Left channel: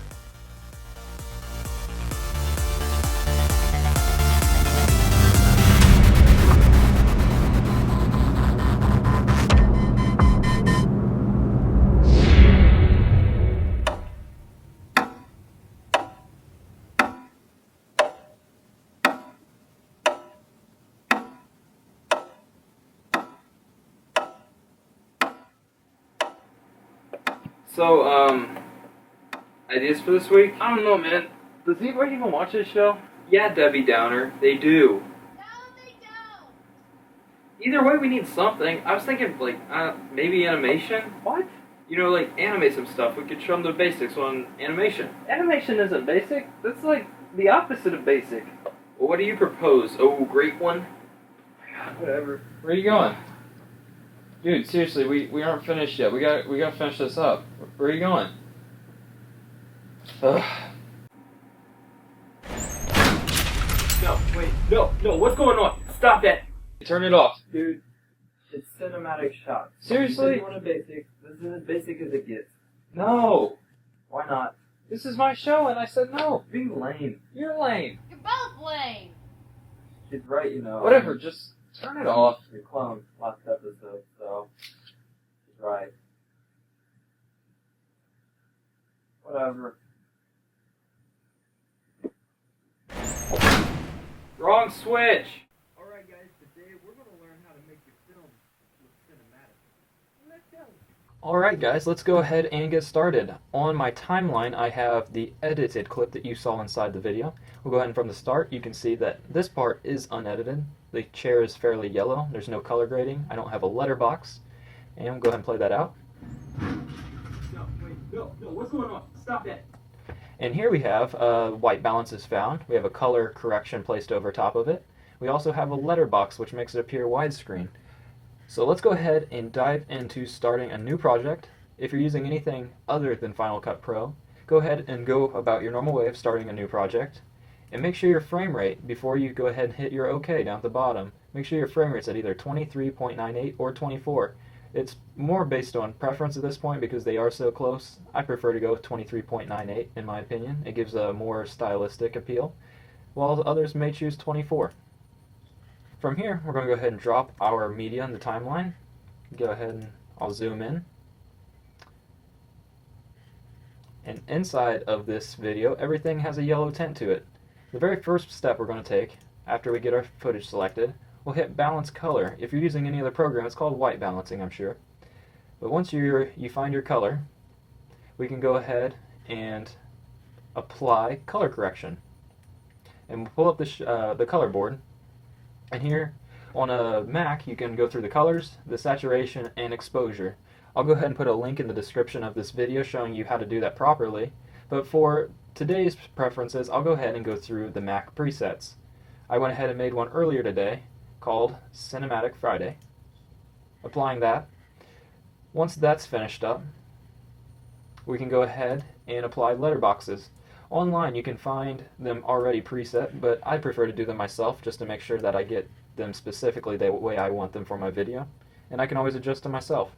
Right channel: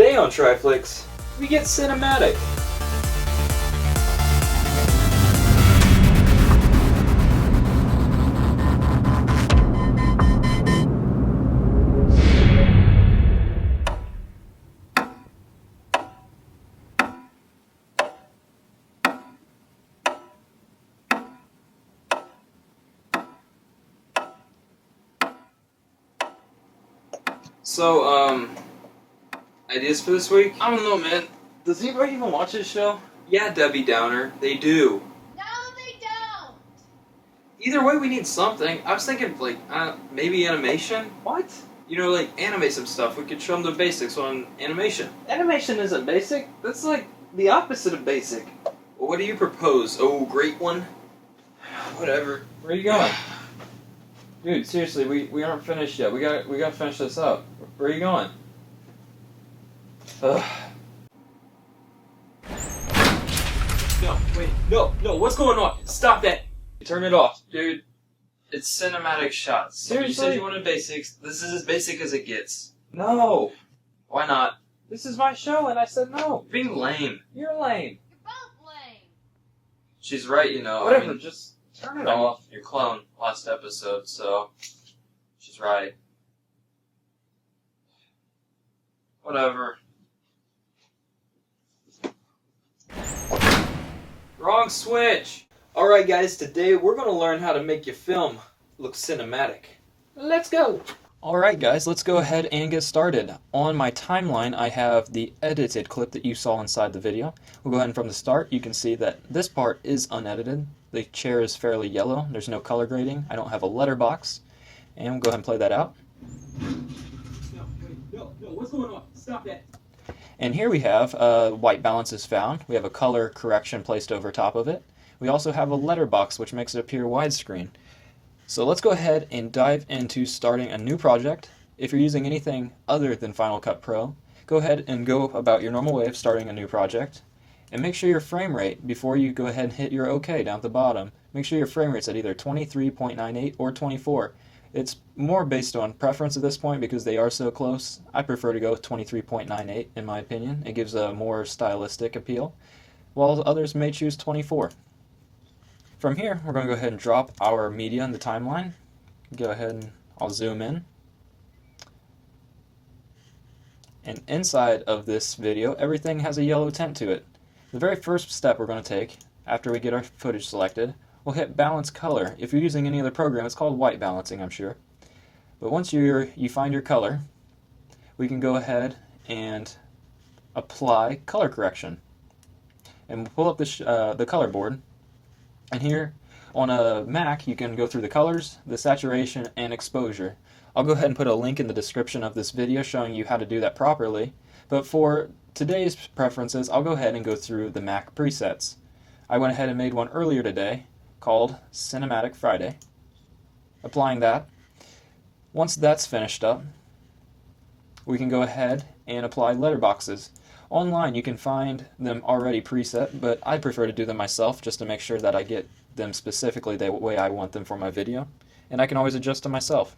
Today on Triflix, we get cinematic. So, ideas for this week? I don't know, man. Does anybody even watch this show? Yeah, Debbie Downer, they do. No, they don't. Either way, we need something. I was thinking, maybe animation? What? You know, animate some stuff. We could show them the basics on animation. Animation isn't basic. That's like the opposite of basic. Well, what do you propose? Oh, great one. Whatever. Where are you going? Dude, seriously, we aren't finished yet. We gotta finish this up. Where are you going? Ugh. No, what's going on? Stop that! Turn it off, dude. It's cinematic shots. You said Seriously? you wanted basics. This is as basic as it gets. No. Why not? This is my show, and I said no. Being lame. You're lame. You're both lame. She's right, you know. Whatever, I mean, just turn it off. your clone last episode, so she's right. Whatever. Wrong switch! Alright guys, today we're going to learn how to make your film look cinematic. Let's go. Alright guys, let's go ahead and get started. On my timeline I have the edited clip that you saw inside the video. We'll go ahead and from the start you can see that this part is unedited. The chair is fairly yellow, there's no color grading, I don't have a letterbox. And we'll go ahead and play that out. No, what's going on? Stop that! And here we have white balance is found. We have a color correction placed over top of it. We also have a letterbox which makes it appear widescreen. So let's go ahead and dive into starting a new project. If you're using anything other than Final Cut Pro, go ahead and go about your normal way of starting a new project. And make sure your frame rate, before you go ahead and hit your OK down at the bottom, make sure your frame rate's at either 23.98 or 24. It's more based on preference at this point because they are so close. I prefer to go with 23.98 in my opinion. It gives a more stylistic appeal, while others may choose 24. From here, we're going to go ahead and drop our media in the timeline. Go ahead and I'll zoom in. And inside of this video, everything has a yellow tint to it. The very first step we're going to take, after we get our footage selected, we'll hit balance color. If you're using any other program, it's called white balancing, I'm sure. But once you find your color, we can go ahead and apply color correction. And we'll pull up the color board. And here on a Mac, you can go through the colors, the saturation, and exposure. I'll go ahead and put a link in the description of this video showing you how to do that properly. But for today's preferences, I'll go ahead and go through the Mac presets. I went ahead and made one earlier today called Cinematic Friday. Applying that. Once that's finished up, we can go ahead and apply letterboxes. Online you can find them already preset, but I prefer to do them myself just to make sure that I get them specifically the way I want them for my video. And I can always adjust them myself.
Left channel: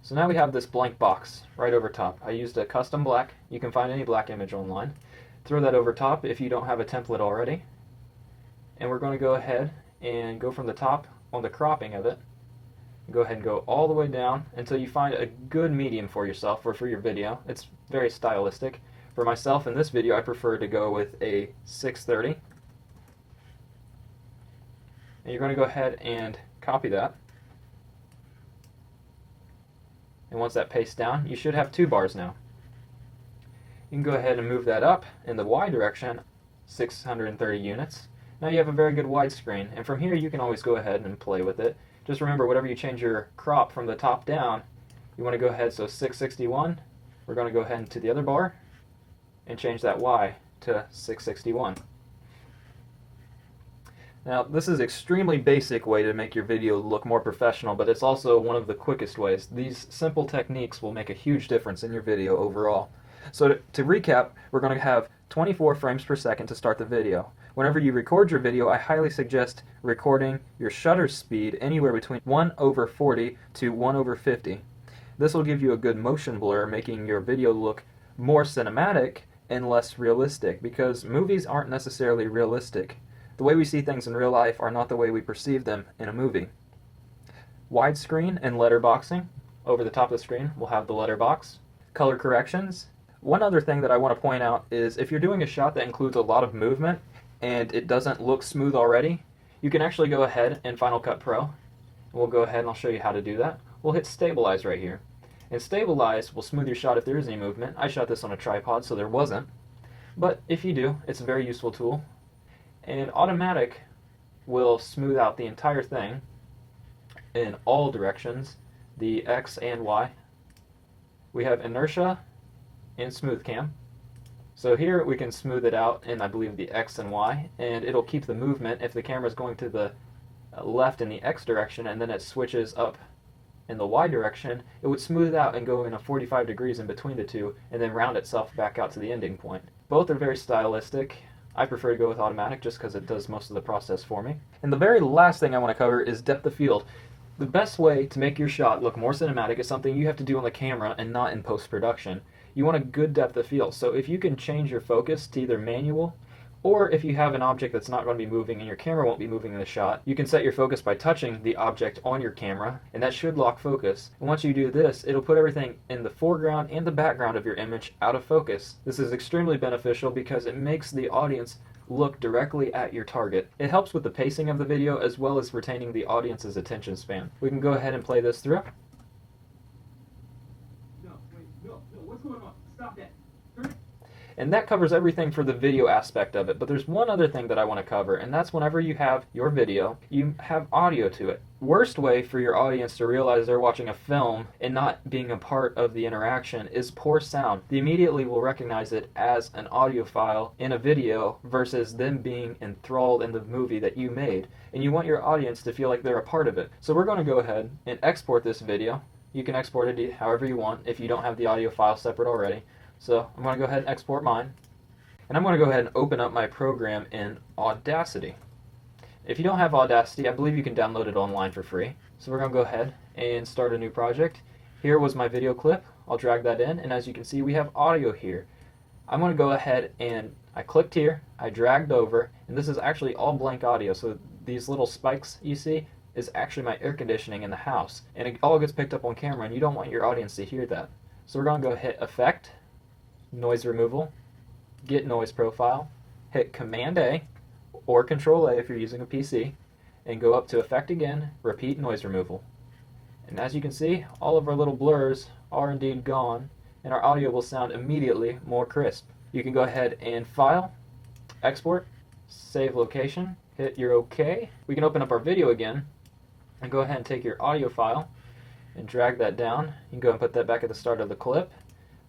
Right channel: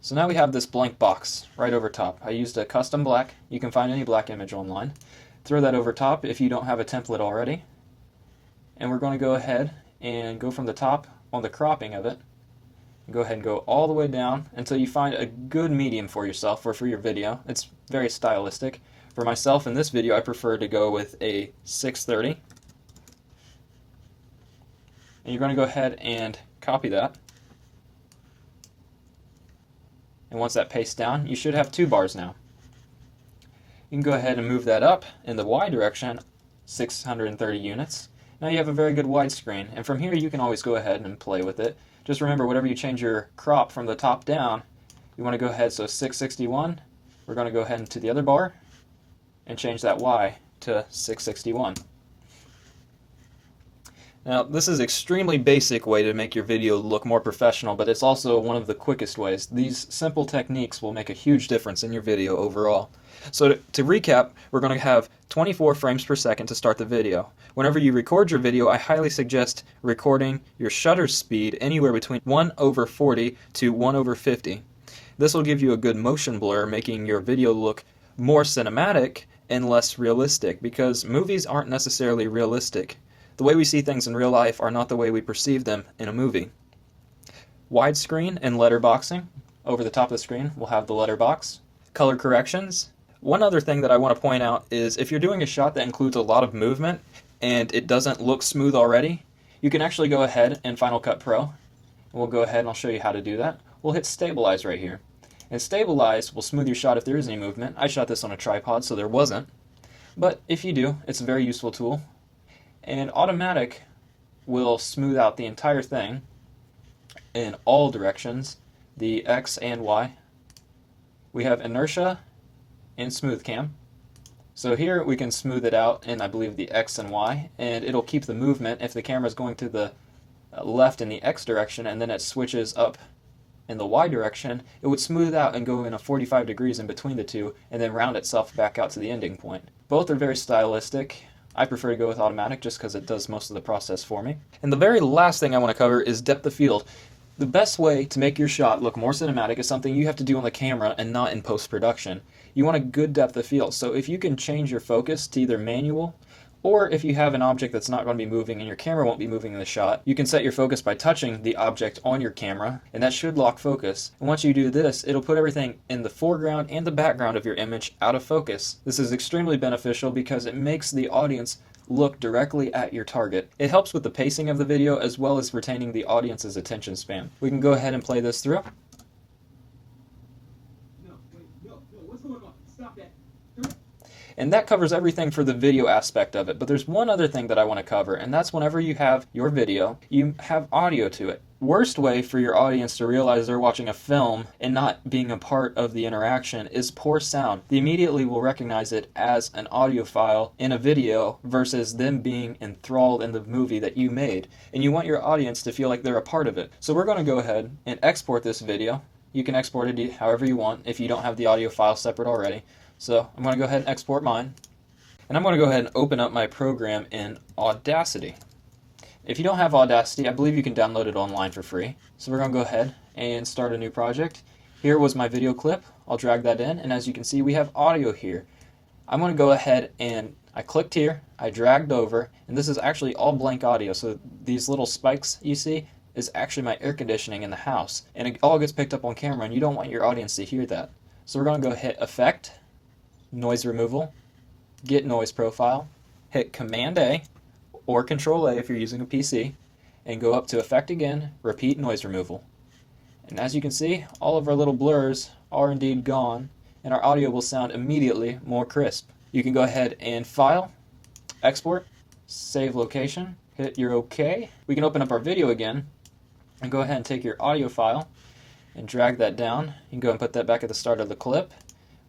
So now we have this blank box right over top. I used a custom black. You can find any black image online. Throw that over top if you don't have a template already. And we're going to go ahead and go from the top on the cropping of it. Go ahead and go all the way down until you find a good medium for yourself or for your video. It's very stylistic. For myself in this video, I prefer to go with a 630. And you're going to go ahead and copy that. And once that pastes down, you should have 2 bars now. You can go ahead and move that up in the Y direction, 630 units. Now you have a very good widescreen, and from here you can always go ahead and play with it. Just remember, whenever you change your crop from the top down, you want to go ahead, so 661, we're going to go ahead into the other bar and change that Y to 661. Now, this is an extremely basic way to make your video look more professional, but it's also one of the quickest ways. These simple techniques will make a huge difference in your video overall. So to recap, we're going to have 24 frames per second to start the video. Whenever you record your video, I highly suggest recording your shutter speed anywhere between 1/40 to 1/50. This will give you a good motion blur, making your video look more cinematic and less realistic, because movies aren't necessarily realistic. The way we see things in real life are not the way we perceive them in a movie. Widescreen and letterboxing. Over the top of the screen, we'll have the letterbox. Color corrections. One other thing that I want to point out is if you're doing a shot that includes a lot of movement and it doesn't look smooth already, you can actually go ahead in Final Cut Pro. We'll go ahead and I'll show you how to do that. We'll hit Stabilize right here. And Stabilize will smooth your shot if there is any movement. I shot this on a tripod, so there wasn't. But if you do, it's a very useful tool. And Automatic will smooth out the entire thing in all directions, the X and Y. We have Inertia and Smooth Cam. So here we can smooth it out in, I believe, the X and Y, and it'll keep the movement if the camera is going to the left in the X direction and then it switches up in the Y direction, it would smooth out and go in a 45 degrees in between the two and then round itself back out to the ending point. Both are very stylistic. I prefer to go with Automatic just because it does most of the process for me. And the very last thing I want to cover is depth of field. The best way to make your shot look more cinematic is something you have to do on the camera and not in post-production. You want a good depth of field, so if you can change your focus to either manual, or if you have an object that's not going to be moving and your camera won't be moving in the shot, you can set your focus by touching the object on your camera, and that should lock focus. And once you do this, it'll put everything in the foreground and the background of your image out of focus. This is extremely beneficial because it makes the audience look directly at your target. It helps with the pacing of the video as well as retaining the audience's attention span. We can go ahead and play this through. No, what's going on? Stop that. And that covers everything for the video aspect of it. But there's one other thing that I want to cover, and that's whenever you have your video, you have audio to it. Worst way for your audience to realize they're watching a film and not being a part of the interaction is poor sound. They immediately will recognize it as an audio file in a video versus them being enthralled in the movie that you made. And you want your audience to feel like they're a part of it. So we're going to go ahead and export this video. You can export it however you want if you don't have the audio file separate already. So I'm going to go ahead and export mine. And I'm going to go ahead and open up my program in Audacity. If you don't have Audacity, I believe you can download it online for free. So we're going to go ahead and start a new project. Here was my video clip. I'll drag that in, and as you can see, we have audio here. I'm going to go ahead and I clicked here, I dragged over, and this is actually all blank audio. So these little spikes you see is actually my air conditioning in the house. And it all gets picked up on camera, and you don't want your audience to hear that. So we're going to go hit Effect, Noise Removal, Get Noise Profile, hit Command A or Control A if you're using a PC, and go up to Effect again, repeat Noise Removal. And as you can see, all of our little blurs are indeed gone, and our audio will sound immediately more crisp. You can go ahead and File, Export, Save Location, hit your OK. We can open up our video again, and go ahead and take your audio file and drag that down. You can go and put that back at the start of the clip.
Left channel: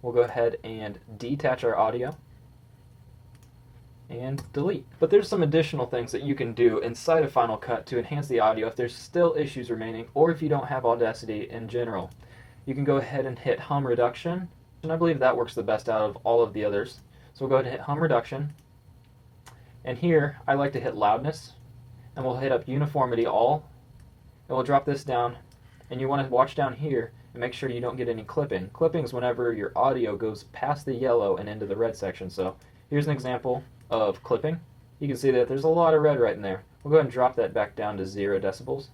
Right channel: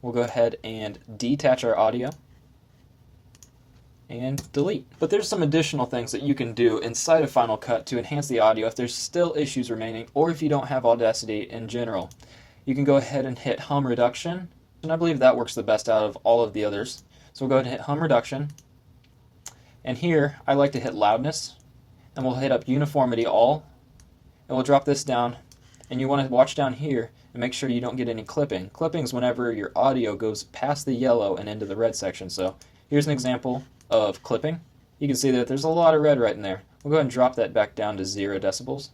We'll go ahead and detach our audio and delete. But there's some additional things that you can do inside of Final Cut to enhance the audio if there's still issues remaining or if you don't have Audacity in general. You can go ahead and hit Hum Reduction, and I believe that works the best out of all of the others. So we'll go ahead and hit Hum Reduction, and here I like to hit Loudness, and we'll hit up Uniformity All, and we'll drop this down, and you want to watch down here and make sure you don't get any clipping. Clipping is whenever your audio goes past the yellow and into the red section. So here's an example of clipping. You can see that there's a lot of red right in there. We'll go ahead and drop that back down to 0 decibels.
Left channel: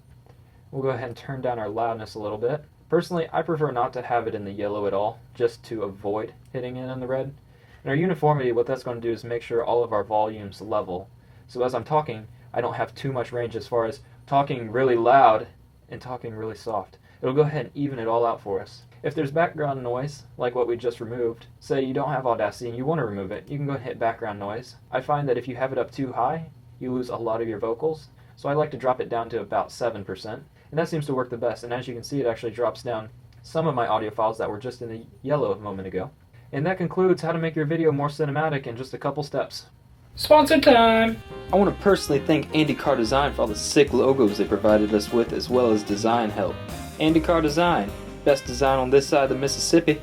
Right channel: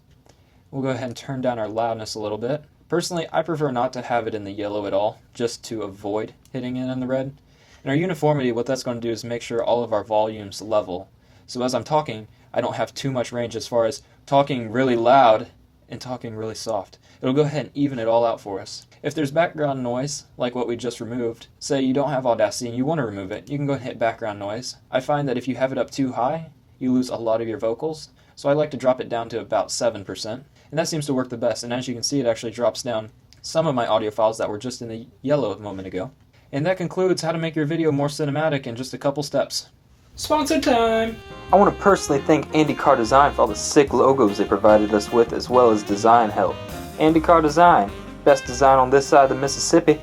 We'll go ahead and turn down our loudness a little bit. Personally, I prefer not to have it in the yellow at all, just to avoid hitting it in the red. And our uniformity, what that's going to do is make sure all of our volumes level. So as I'm talking, I don't have too much range as far as talking really loud and talking really soft. It'll go ahead and even it all out for us. If there's background noise, like what we just removed, say you don't have Audacity and you want to remove it, you can go and hit background noise. I find that if you have it up too high, you lose a lot of your vocals, so I like to drop it down to about 7%, and that seems to work the best, and as you can see, it actually drops down some of my audio files that were just in the yellow a moment ago. And that concludes how to make your video more cinematic in just a couple steps. Sponsor time! I want to personally thank AndyCar Design for all the sick logos they provided us with, as well as design help. AndyCar Design, best design on this side of the Mississippi.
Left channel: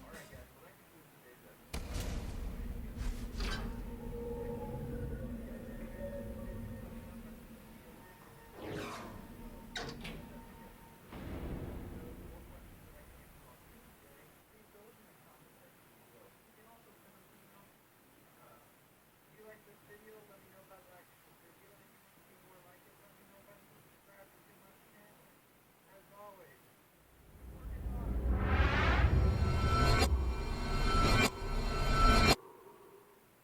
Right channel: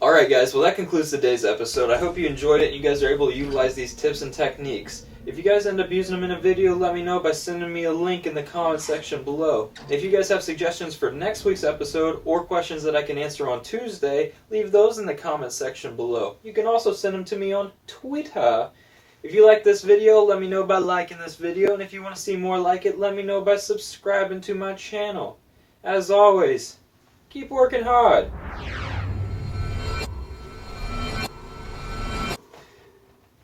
Alright guys, well that concludes today's episode. I hope you enjoyed it and you guys are able to utilize these tips and techniques. If you guys end up using them in a video, let me know by sending me a link in the comment section below. If you guys have suggestions for next week's episode or questions that I can answer on Tuesday, leave those in the comment section below. You can also send them to me on Twitter. If you like this video, let me know by liking this video, and if you want to see more like it, let me know by subscribing to my channel. As always, keep working hard.